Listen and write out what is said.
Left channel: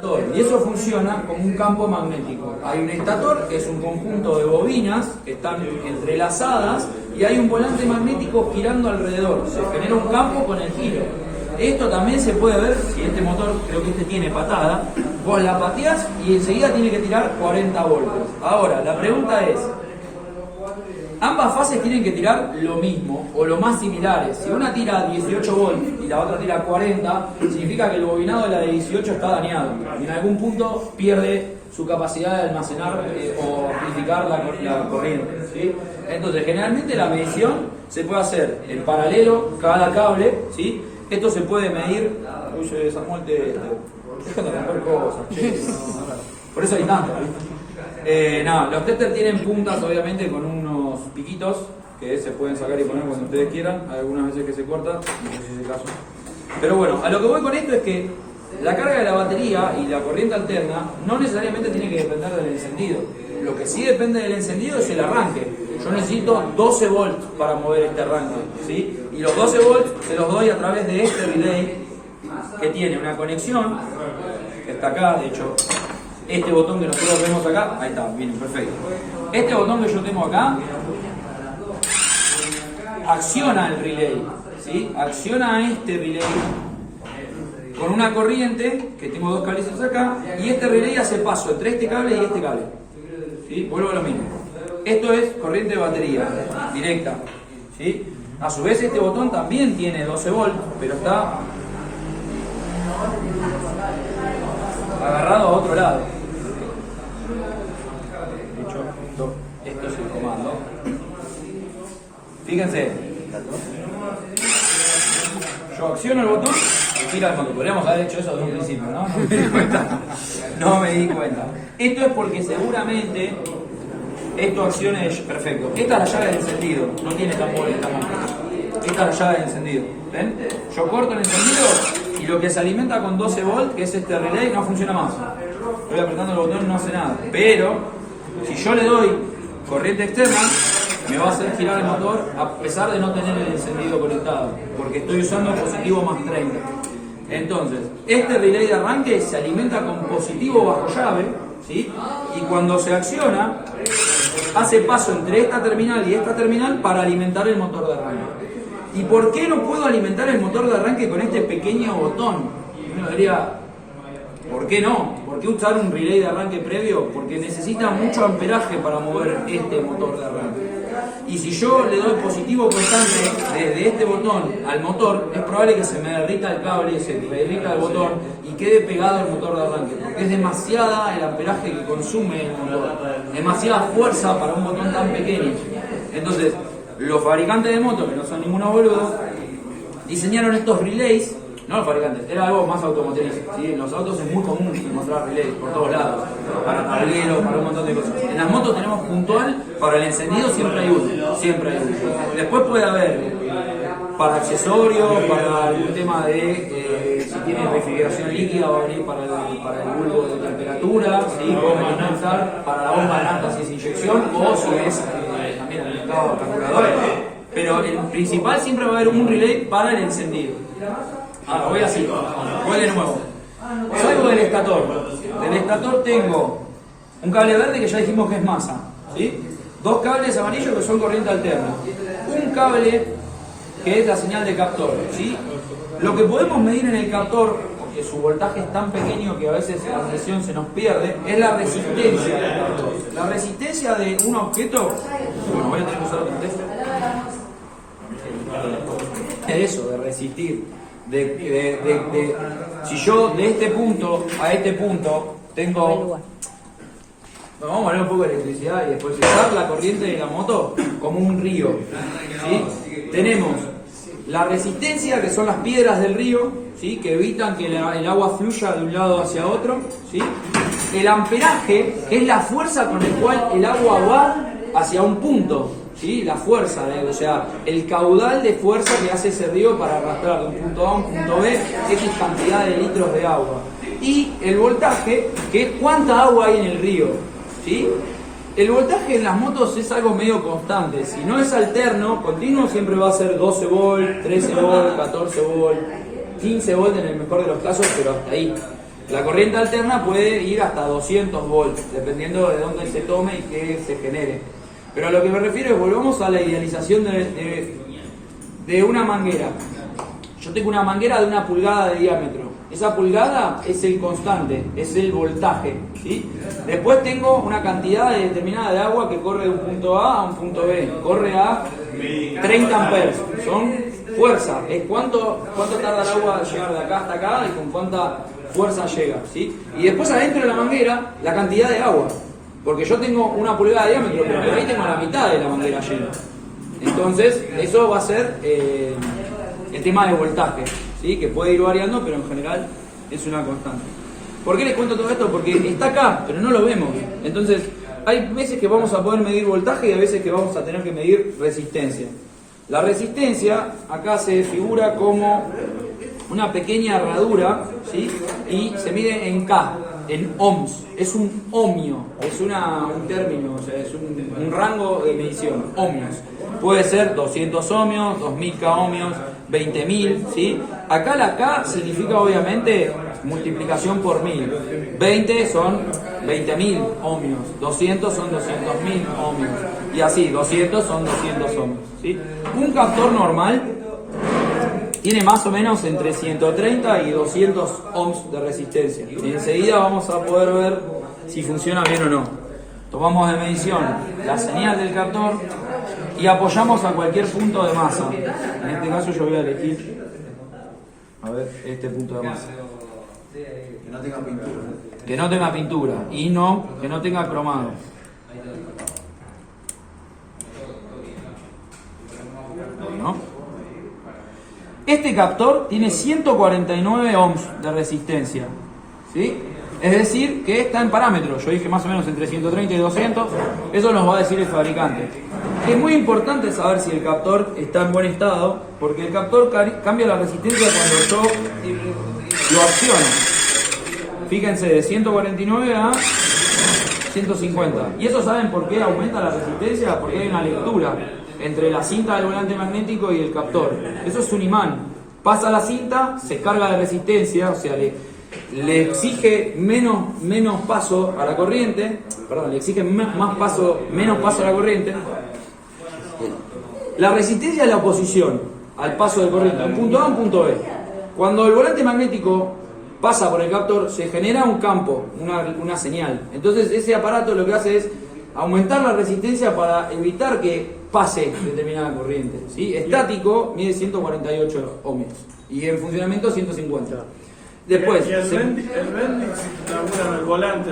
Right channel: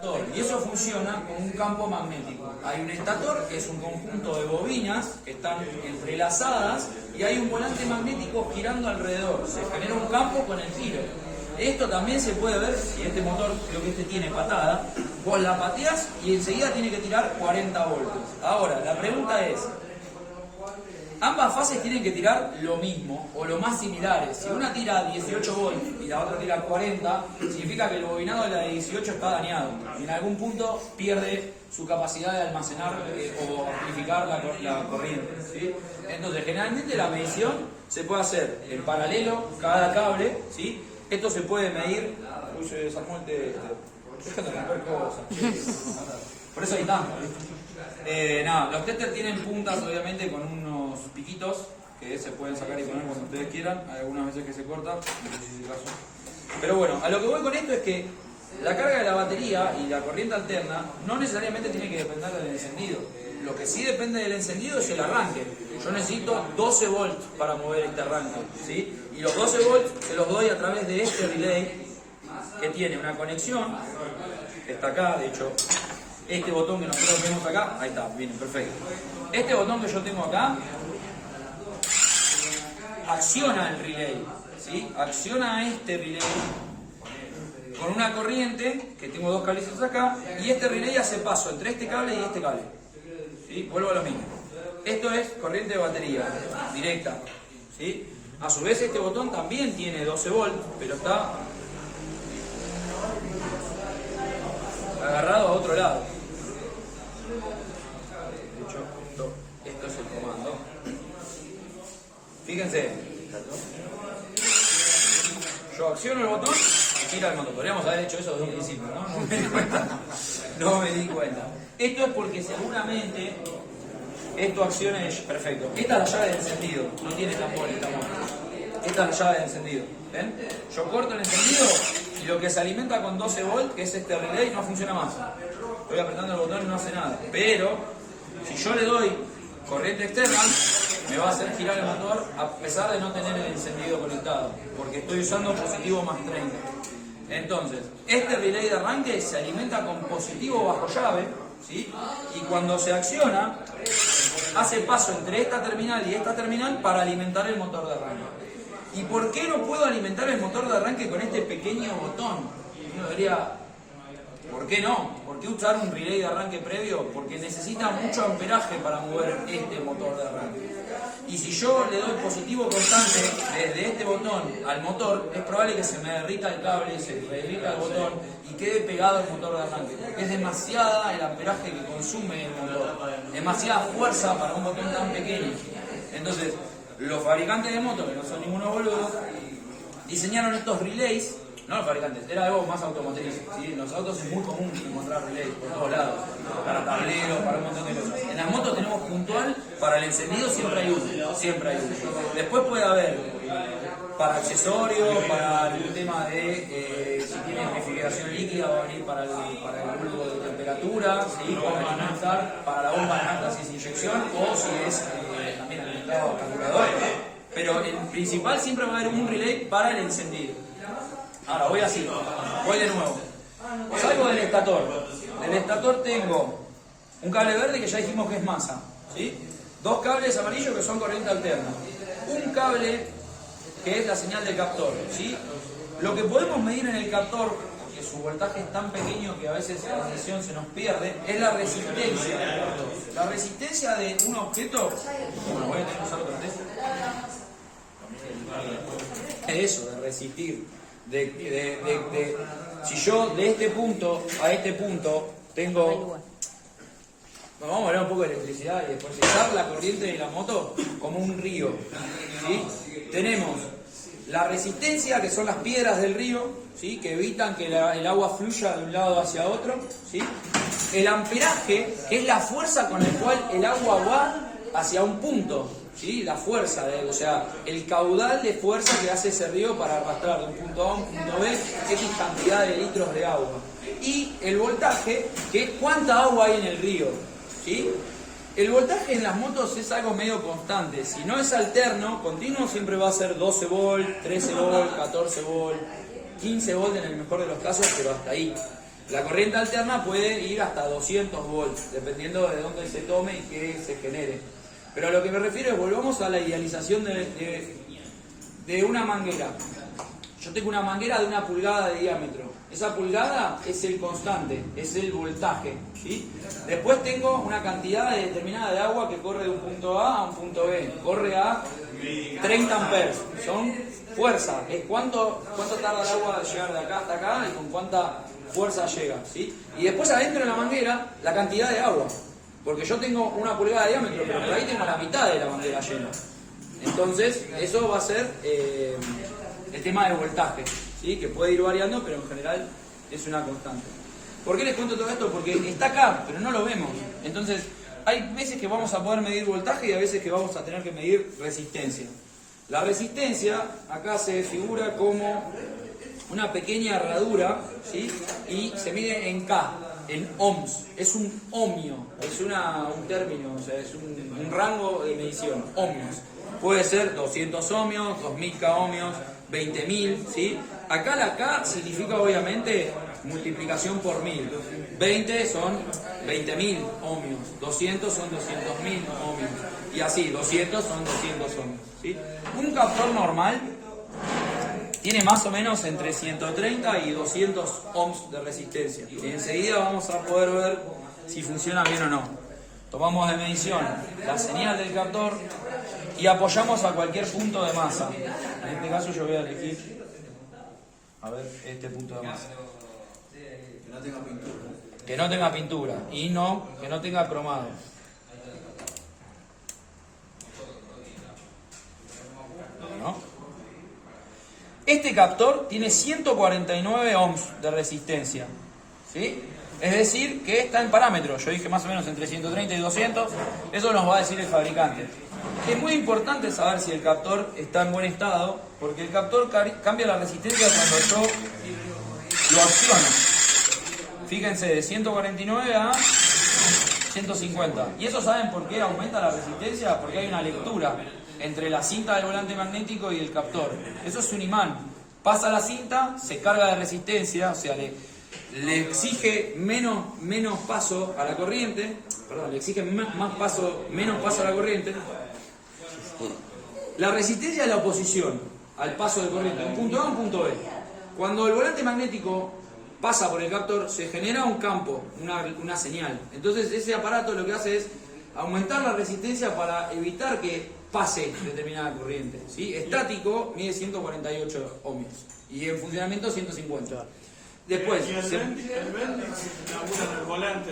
Y eso funciona como un campo magnético. Hay un estator, que es un conjunto de bobinas que están entrelazadas, y hay un volante magnético girando alrededor. Se genera un campo con el giro. Esto también se puede ver, si este motor, creo que este tiene patada, vos la pateás y enseguida tiene que tirar 40 voltios. Ahora, la pregunta es, ambas fases tienen que tirar lo mismo o lo más similares. Si una tira 18 volts y la otra tira 40, significa que el bobinado de la de 18 está dañado y en algún punto pierde su capacidad de almacenar o amplificar la corriente, ¿sí? Entonces, generalmente la medición se puede hacer en paralelo cada cable, ¿sí? Esto se puede medir. Uy, se desarmó el teléfono. Déjame romper cosas. Por eso hay tanto. Nada, los testers tienen puntas, obviamente, con unos piquitos que se pueden sacar y poner cuando ustedes quieran. Hay algunas veces que se cortan, no sé si es el caso. Pero bueno, a lo que voy con esto es que la carga de la batería y la corriente alterna no necesariamente tiene que depender del encendido. Lo que sí depende del encendido es el arranque. Yo necesito 12 volts para mover este arranque, ¿sí? Y los 12 volts se los doy a través de este relay que tiene una conexión, que está acá, de hecho. Este botón que nosotros vemos acá, ahí está, bien, perfecto. Este botón que yo tengo acá acciona el relay, ¿sí? Acciona a este relay con una corriente, que tengo dos cablecitos acá, y este relay hace paso entre este cable y este cable, ¿sí? Vuelvo a lo mismo. Esto es corriente de batería, directa, ¿sí? A su vez este botón también tiene 12 volts, pero está agarrado a otro lado. De hecho, esto es el comando. Fíjense. Yo acciono el botón y tira el motor. Podríamos haber hecho eso desde un principio, ¿no? No me di cuenta. No me di cuenta. Esto es porque seguramente esto accione perfecto. Esta es la llave de encendido. No tiene tambor esta máquina. Esta es la llave de encendido. ¿Ven? Yo corto el encendido y lo que se alimenta con 12 volts, que es este relay, no funciona más. Estoy apretando el botón y no hace nada. Pero si yo le doy corriente externa, me va a hacer girar el motor a pesar de no tener el encendido conectado, porque estoy usando positivo más 30. Entonces, este relay de arranque se alimenta con positivo bajo llave, ¿sí? Y cuando se acciona, hace paso entre esta terminal y esta terminal para alimentar el motor de arranque. ¿Y por qué no puedo alimentar el motor de arranque con este pequeño botón? Uno diría, ¿por qué no? ¿Por qué usar un relay de arranque previo? Porque necesita mucho amperaje para mover este motor de arranque. Y si yo le doy positivo constante desde este botón al motor, es probable que se me derrita el cable, se me derrita el botón y quede pegado al motor de arranque. Porque es demasiada el amperaje que consume el motor. Demasiada fuerza para un botón tan pequeño. Entonces, los fabricantes de motos, que no son ninguno boludo, diseñaron estos relays. No los fabricantes, era algo más automotriz, ¿sí? En los autos es muy común encontrar relays por todos lados, para tableros, para un montón de cosas. En las motos tenemos puntual, para el encendido siempre hay uno, siempre hay uno. Después puede haber para accesorios, para el tema de si tiene refrigeración líquida va a venir para el bulbo de temperatura, ¿sí? Pueden utilizar para la bomba de nafta si es inyección o si es también el mercado carburador. Pero el principal siempre va a haber un relay para el encendido. Ahora voy así, voy de nuevo. Salgo del estator. Del estator tengo un cable verde que ya dijimos que es masa, ¿sí? Dos cables amarillos que son corriente alterna. Un cable que es la señal de captor, ¿sí? Lo que podemos medir en el captor, porque su voltaje es tan pequeño que a veces la medición se nos pierde, es la resistencia del captor. La resistencia de un objeto. Bueno, voy a tener que usar otro test. Eso, de resistir. Si yo de este punto a este punto tengo. Bueno, vamos a hablar un poco de electricidad y después usar la corriente de la moto como un río, ¿sí? Tenemos la resistencia, que son las piedras del río, ¿sí? Que evitan que el agua fluya de un lado hacia otro, ¿sí? El amperaje, que es la fuerza con la cual el agua va hacia un punto, ¿sí? La fuerza, o sea, el caudal de fuerza que hace ese río para arrastrar de un punto A a un punto B X cantidad de litros de agua. Y el voltaje, que es cuánta agua hay en el río, ¿sí? El voltaje en las motos es algo medio constante. Si no es alterno, continuo siempre va a ser 12 volt, 13 volt, 14 volt, 15 volt en el mejor de los casos, pero hasta ahí. La corriente alterna puede ir hasta 200 volts, dependiendo de dónde se tome y qué se genere. Pero a lo que me refiero es, volvamos a la idealización de una manguera. Yo tengo una manguera de 1 pulgada de diámetro. Esa pulgada es el constante, es el voltaje, ¿sí? Después tengo una cantidad determinada de agua que corre de un punto A a un punto B. Corre a 30 amperes. Son fuerza. Es cuánto tarda el agua en llegar de acá hasta acá y con cuánta fuerza llega, ¿sí? Y después adentro de la manguera, la cantidad de agua. Porque yo tengo 1 pulgada de diámetro, pero por ahí tengo la mitad de la manguera llena. Entonces, eso va a ser el tema de voltaje, ¿sí? Que puede ir variando, pero en general es una constante. ¿Por qué les cuento todo esto? Porque está acá, pero no lo vemos. Entonces, hay veces que vamos a poder medir voltaje y hay veces que vamos a tener que medir resistencia. La resistencia acá se figura como una pequeña herradura, ¿sí? Y se mide en K, en ohms. Es un ohmio, es un término, o sea, es un rango de medición, ohmios. Puede ser 200 ohmios, 2000 K ohmios, 20.000, ¿sí? Acá la K significa obviamente multiplicación por 1000. 20 son 20.000 ohmios, 200 son 200.000 ohmios, y así, 200 son 200 ohmios, ¿sí? Un captor normal tiene más o menos entre 130 y 200 ohms de resistencia. Y enseguida vamos a poder ver si funciona bien o no. Tomamos de medición la señal del captor y apoyamos a cualquier punto de masa. En este caso yo voy a elegir, a ver, este punto de masa. Que no tenga pintura. Que no tenga pintura y que no tenga cromado. ¿No? Este captor tiene 149 ohms de resistencia, ¿sí? Es decir, que está en parámetros. Yo dije más o menos entre 130 y 200. Eso nos va a decir el fabricante. Es muy importante saber si el captor está en buen estado, porque el captor cambia la resistencia cuando yo lo acciono. Fíjense, de 149 a 150. ¿Y eso saben por qué aumenta la resistencia? Porque hay una lectura entre la cinta del volante magnético y el captor. Eso es un imán. Pasa la cinta, se carga de resistencia, o sea, le exige menos paso a la corriente, le exige menos paso a la corriente. La resistencia es la oposición al paso de corriente, un punto A a un punto B. Cuando el volante magnético pasa por el captor, se genera un campo, una señal. Entonces ese aparato lo que hace es aumentar la resistencia para evitar que pase determinada corriente, ¿sí? Estático mide 148 ohmios y en funcionamiento 150. Después, y el Bendix labura en el volante.